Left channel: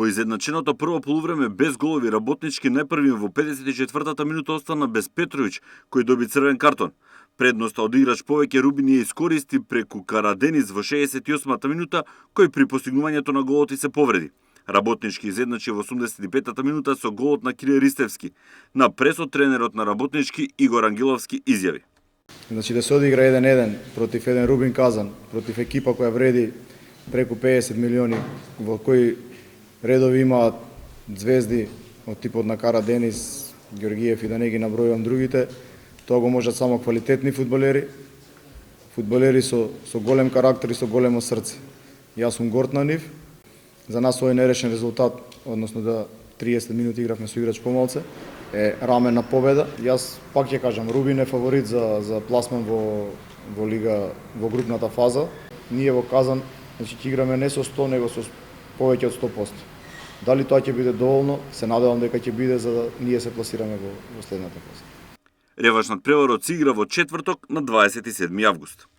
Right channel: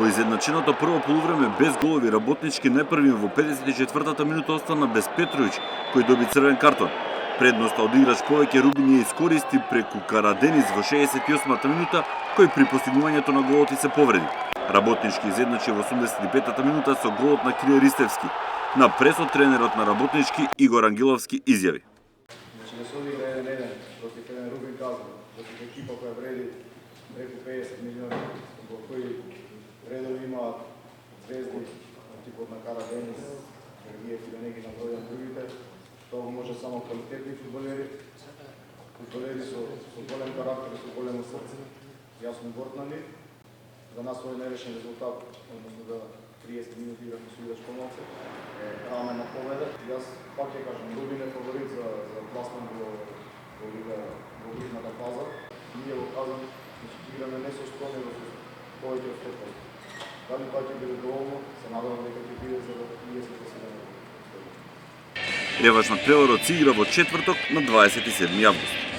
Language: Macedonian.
По изедначеното прво полувреме без голови Работнички најпрви во 54-та минута остана без Петровиќ, кој доби црвен картон. Предноста од играч повеќе Рубин ја искористи преку Караденис во 68-та минута, кој при постигнувањето на голот и се повреди. Работнички изедначи во 85-та минута со голот на Крие Ристевски. На пресот тренерот на Работнички Игор Ангеловски изјави: Значи да се одигра 1-1 против еден Рубин Казан, против екипа која вреди преку 50 милиони, во кој редови имаат звезди од типот на Караденис, Ѓоргиев и да не ги набројувам другите, тоа го можат само квалитетни фудбалери, фудбалери со голем карактер и со големо срце. Јас сум горд на нив. За нас овој нерешен резултат, односно да 30 минути игравме со играч помалце, е раменна победа. Јас пак ќе кажам, Рубин е фаворит за пласман во лига, во групната фаза. Ние во Казан, значи ќе играме не со 100, него со повеќе од 100%. Дали тоа ќе биде доволно, се надевам дека ќе биде за да ние се пласираме во следната фаза. Реваншниот преворот се игра во четврток на 27 август.